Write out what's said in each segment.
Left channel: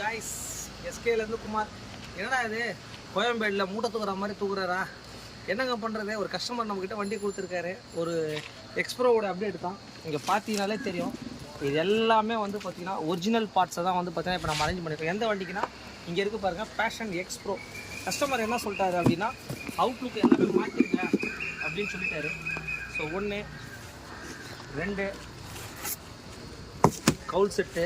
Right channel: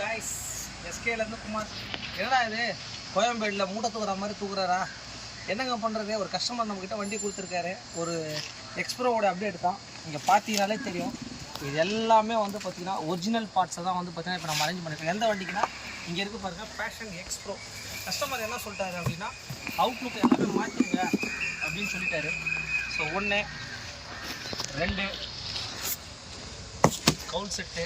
guys, SK Kumar. என்னடா இது கோயம்பேடுல மூட்டை தூக்குற மாதிரி தூக்குறாரா? என்னங்க பண்ணுறது? ஒரு கஸ்டமர் நம்மக்கிட்ட வண்டி கொடுத்துருக்காரு. ஒரு எக்ஸ்ப்ரோவோட அப்டேட் தான். இங்கே பார்த்தீங்கனாலே தெரியும். இது எல்லாமே வந்து பார்த்தீங்கன்னா ஒரிஜினல் பார்ட்ஸை தான் வந்து பார்த்தீங்கன்னா இப்போ நம்ம அரேஞ்ச் பண்ணியிருக்கோம். எந்த வண்டிக்குன்னா இங்கே இருக்குது பாருங்கள், பேஷன் எக்ஸ்ப்ரோ. கஸ்டமர் என்ன சொல்லிட்டாரு அப்படின்னா, அவுட்லுக் எல்லாமே மாற்றிடுங்க அப்படின்னு சொல்லிட்டாரு. ஸோ 1 2 கவுல் செட்டு,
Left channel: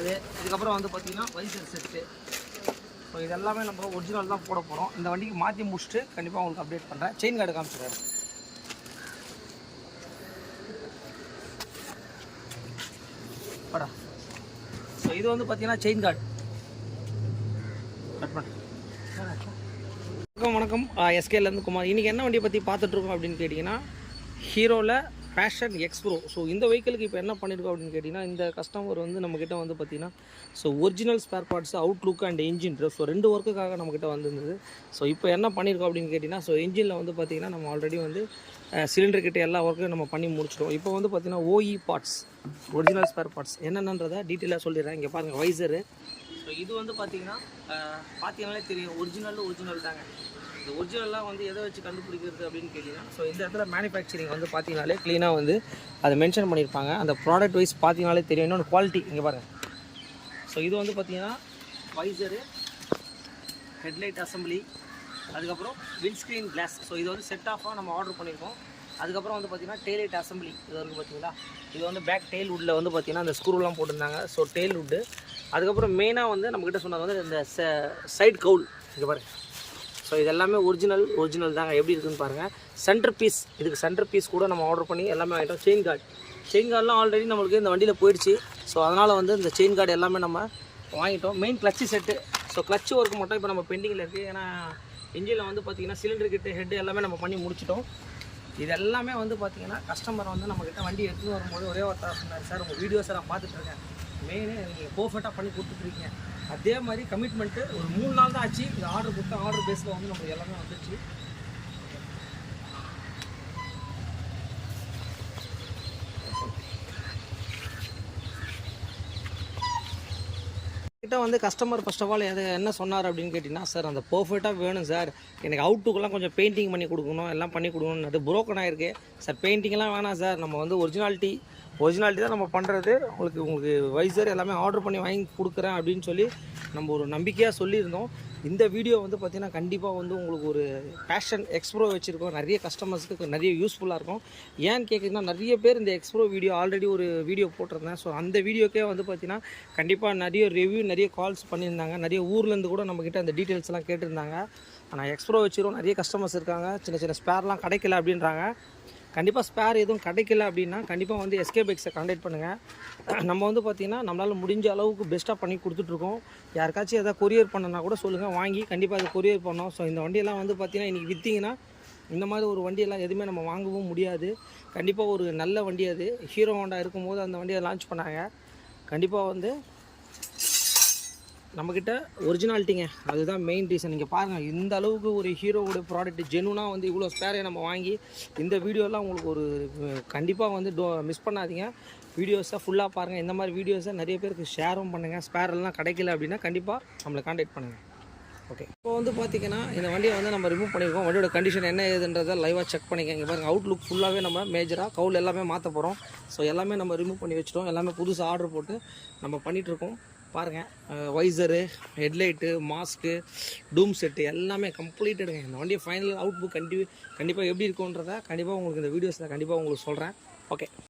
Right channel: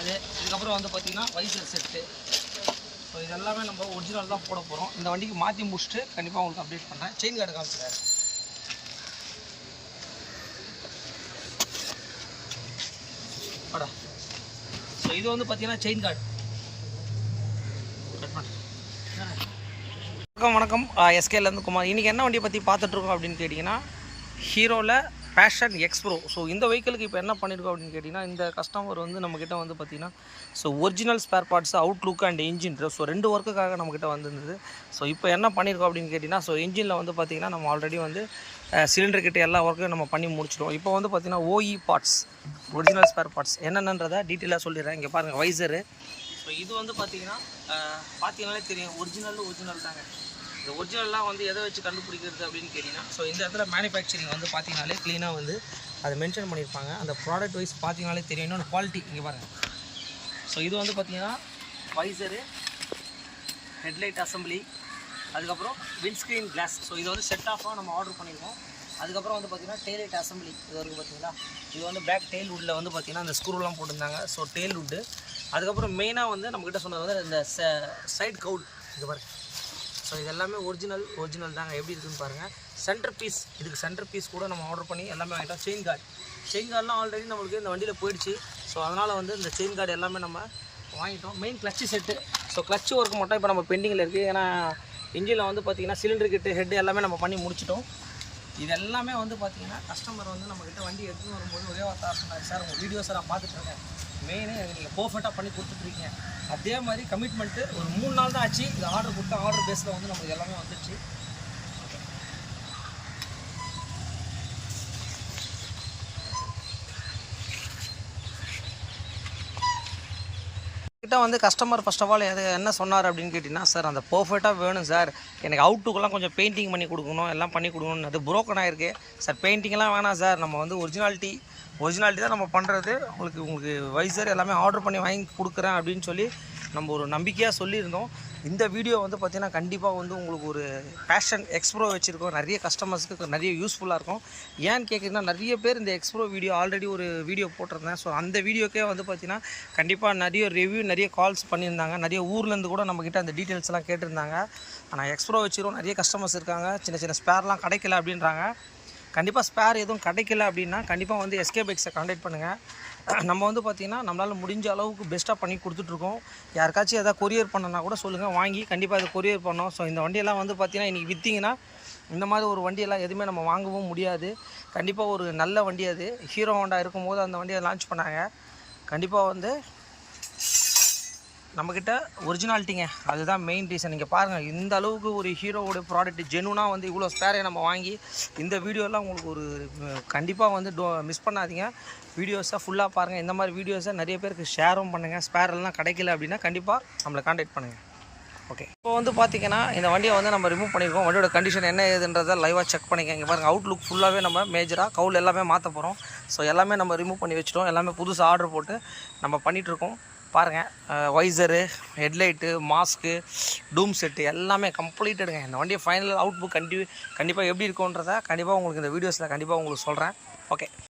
அது இதுக்கப்புறம் வந்து பார்த்திங்கன்னா வைசர் செட்டு. ஸோ இதெல்லாமே நம்ம ஒரிஜினல் தான் போட போகிறோம். இந்த வண்டிக்கு மாற்றி முடிச்சுட்டு கண்டிப்பாக உங்களுக்கு அப்டேட் பண்ணுறேன். செயின் கார்டு காமிச்சிடுறேன். படா. ஸோ இது வந்து பார்த்திங்கன்னா செயின் கார்டு கட் பண்ணுறேன். வணக்கம், எஸ்கேலேருந்து குமார். இன்றைக்கி என்ன வண்டியை பற்றி பார்த்துட்ருக்கோம் அப்படின்னு கேட்டிங்கன்னா, ஹீரோவில் பேஷன் எக்ஸ்ப்ரோ. ஸோ இந்த வெஹிக்கிளுக்கு இப்போ என்ன பண்ணியிருக்கோம் அப்படின்னு கேட்டிங்கன்னா, இந்த கஸ்டமர் வந்து நம்மக்கிட்ட வந்து பார்த்திங்கன்னா so original spare parts, Outlook and engine. So 2 ஒர்க்குக்காக நம்மக்கிட்ட வந்திருந்தது. ஸோ இப்போ என்ன பண்ணியிருக்கோம் அப்படின்னு கேட்டிங்கன்னா, ஸோ இன்ஜினில் வந்து பார்த்திங்கன்னா நம்ம ஆல்ரெடி வந்து சிலிண்டர் கிட்ட எல்லா ஒர்க்கும் நம்ம பண்ணி முடிச்சிட்டோம். இப்போ வந்து பார்த்திங்கன்னா OE parts, original spare parts என்னென்னன்றதை டீட்டெயிலாக சொல்லிடுறேன். இங்கே பாருங்கள் வைசரு. ஸோ இது வந்து பார்த்திங்கன்னா பார்த்தீங்கன்னாலே தெரியும், ஒரிஜினல் தாங்க. இந்த ஒரிஜினல்லாம் வந்து எதை வச்சு கண்டுபிடிக்கிறது அப்படின்னு கேட்டிங்கன்னா, ஸோ இந்த இடத்துல மேனுஃபேக்சரிங் வந்து பார்த்தீங்கனாலே க்ளீனாக வந்து அதை மென்ஷன் பண்ணியிருப்பாங்க. அந்த ப்ராடக்ட் வைஸ் பார்த்தீங்கனாலே தெரியும். இன்னொன்று குவாலிட்டி இங்கே பாருங்கள். ஸோ இது வந்து பார்த்திங்கன்னா வைசரு, ஹெட்லைட் அசம்பிளி, அதுக்கப்புறம் விண்ட்ஸ்க்ரீன் கிளாஸ். ஸோ இது வந்து செட் ஆஃபாக நம்ம ஆர்டர் பண்ணியிருக்கோம். அதுக்கப்புறம் வந்து பார்த்திங்கன்னா டெய்லைட் அசம்பிளி இது வரைக்கும் பார்த்தீங்களா. இது வந்து பேக் டெயில் வுட்டில் வந்து பார்த்திங்கன்னா அந்த ஸ்க்ரூலாம் போட்டிருந்தாங்க. So tail wood. அதுக்கப்புறம் மெயினாக வந்து நம்மக்கிட்ட சொன்னது வந்து இந்த சைடு கவுல் இங்கே பாருங்கள். ஸோ இது எல்லாமே ஒரிஜினல் தாங்க. எப்படி இருக்குதுன்னு பாருங்கள். சென்டர் பீஸ், இதுக்கு சென்டர் பீஸ் கூட நம்ம ஆர்டர் பண்ணி எல்லாமே வாங்கிட்டோம். செயின் கார்டெலாம் ஆல்ரெடி நம்மளுக்கு இந்த வண்டியில் போயிடுச்சு. ஸோ அதனால் வந்து இந்த செயின் கார்டு எல்லாமே நம்ம வாங்கிட்டோம். Main clutch set. So clutch work மட்டும் இப்போ நம்ம பெண்டிங்கில் இருக்குது. ஏன்னா இன்ஜினில் வந்து பார்த்திங்கன்னா சிலிண்டர் கிட்டு, ஹெட்டு எல்லாமே நம்ம பண்ணி முடிச்சிட்டோம். இது எல்லாமே வந்து பார்த்திங்கன்னா கஸ்டமர் வந்து நம்மக்கிட்ட வண்டி எடுத்துகிட்டு வரும்போது ஒரே வார்த்தை சொன்னார், சார் உங்கள் வீடியோஸை நான் பார்த்துட்ருக்கேன், மெயினே நீங்கள் பர்ஃபெக்டாக பண்ணி கொடுத்துட்ருக்கீங்க. அதே மாதிரி கமிட்மெண்ட்டு ஒரு 3 நாள் தான் ஆச்சு. இது ஆர்டர் கொடுத்தா ஆர்டர் பேஸில் வந்து நம்மளுக்கு எல்லாமே வந்துடுச்சு. கிட்ட வந்து கஸ்டமர் ஃபர்ஸ்ட் ஆஃப் ஆல் என்ன சொன்னார் அப்படின்னு கேட்டிங்கன்னா, சார் அந்த பர்ஃபெக்டாக வேணும் சார், எனக்கு அவுட்டுக்கெல்லாம் கொஞ்சம் பெயிண்டிங் பண்ணி கொடுக்கணும், எல்லாம் பண்ணி கொடுக்கணும். அது புரோக்கன் ஆகிருக்கு சார், பெயிண்டிங்லாம் வேணாம் சார், நம்ம வந்து ஒரிஜினாலிட்டி தான் நம்ம பண்ணுறது. உங்களுக்கு வைசர் எல்லாமே ஆர்டர் பண்ணி வாங்கி கொடுக்குறேன் அப்படின்னு சொல்லி நம்ம ஒரு நம்பிக்கையாக சொல்லியிருந்தோம். இந்த வீடியோ வந்து பார்த்திங்கன்னா கண்டிப்பாக வந்து உங்களுக்கு ஒரு பேஷன் எக்ஸ்ப்ரோ வச்சுருக்கோம். நிறைய கஸ்டமர்ஸ்க்கு நிறைய யூஸ்ஃபுல்லாக இருக்கும். ஏன்னு கேட்குறீங்கன்னா, நிறைய பேர் இந்த எக்ஸ்ப்ரோ வீடியோ ஆல்ரெடி ஒரு வீடியோ போட்டிருந்தேன். ஸோ அந்த வீடியோக்கே வந்து பார்த்திங்கன்னா கண்டிப்பாக நிறைய ரிவ்யூ, நிறைய கால்ஸ் பண்ணியிருந்தாங்க. நிறைய ஊர்லேருந்து கூட நம்மக்கிட்ட அந்த டீட்டெயில்ஸ்லாம் கேட்டிருந்தாங்க. ஆனால் எக்ஸ்ப்ரோ வச்சுருக்கோம், நிறைய கஸ்டமர்ஸ் இருக்காங்க, சின்ன ஸ்பேர்லாம் கிடைக்கல அப்படின்றாங்க. கண்டிப்பாக ஸ்பேர் எதுவும் கிடைக்கல அப்படின்னா கண்டிப்பாக வந்து SK பைக்ஸை கான்டாக்ட் பண்ணுங்கள். நம்ம வந்து பார்த்திங்கன்னா நம்மளால் முடிஞ்ச அளவுக்கு பெஸ்ட்டாக பண்ணி கொடுத்துட்ருக்கோம். யாருக்காச்சும் எதாவது கொரியர் பண்ணனா கூட சொல்லுங்கள், வாங்கி கண்டிப்பாக அதை கொரியர் பண்ணோம். ஸோ இந்த வண்டியெல்லாம் வந்து பார்த்திங்கன்னா இன்றைக்கி விற்றிங்கன்னா இந்த மாதிரி ஒரு வண்டியெல்லாம் எதுவுமே நம்ம வாங்கவும் முடியாது. கண்டிப்பாக ஒரு நல்ல வண்டி அது. ஹீரோ ஹோண்டா இருக்கும்போது அந்த வண்டியை லான்ச் பண்ணாங்க. கண்டிப்பாக வந்து நம்மக்கிட்ட ஒரிஜினாலிட்டிங்க, அதுதான் மெயின் ரீசன். நீங்கள் பாருங்கள், இந்த அளவுக்கு ஒரு ஹீரோவோட ப்ராடக்ட் ஜெனுனாக வந்து இவ்வளோ ஸ்பேரை நம்ம வாங்கி இந்த வீடியோலாம் உங்களுக்கு ஒரு கண்டிப்பாக வந்து மிஸ் பண்ணாதீங்க. வீடியோஸை ஃபுல்லாக பாருங்கள். இந்த மாதிரி வீடியோஸை நிறைய பேருக்கு ஷேரும் பண்ணுங்கள். ஸ்பேரெல்லாம் கிடைக்கல அப்படின்னா கண்டிப்பாக நம்மளை கான்டாக்ட் பண்ணுங்கள். ஓகே, இப்போ வந்து பார்த்திங்கன்னா இந்த வண்டியை வந்து நம்ம ரிமூவ் பண்ணியிருக்கோம். வண்டியோட கண்டிஷன் என்ன ஏதுன்றதை லைவாக செக் பண்ணிக்க. இங்கே பாருங்கள், அவுட்லுக் ஃபுல்லாகவே நம்ம மேஜராக கவுல் எல்லாமே மாற்ற போகிறோம். ஸோ எல்லாமே நம்ம ரிமூவ் பண்ணி வச்சுட்டோம். எல்லாமே புதுசாக ஆர்டர் போட்டு நம்ம பண்ணிகிட்ருக்கோம். பாருங்கள், வைசரு, ஹெட்லைட்டு, மாஸ்க்கு, டூம் செட்டு எல்லாமே கம்ப்ளீட்டடுங்க. இந்த வண்டியை ஃபைனல் அவுட்புக் கண்டிப்பாக எப்படி இருக்குன்றதை கண்டிப்பாக உங்களுக்கு இந்த வீடியோஸில் கண்டிப்பாக உங்களுக்கு சொல்கிறேன். ஓகே.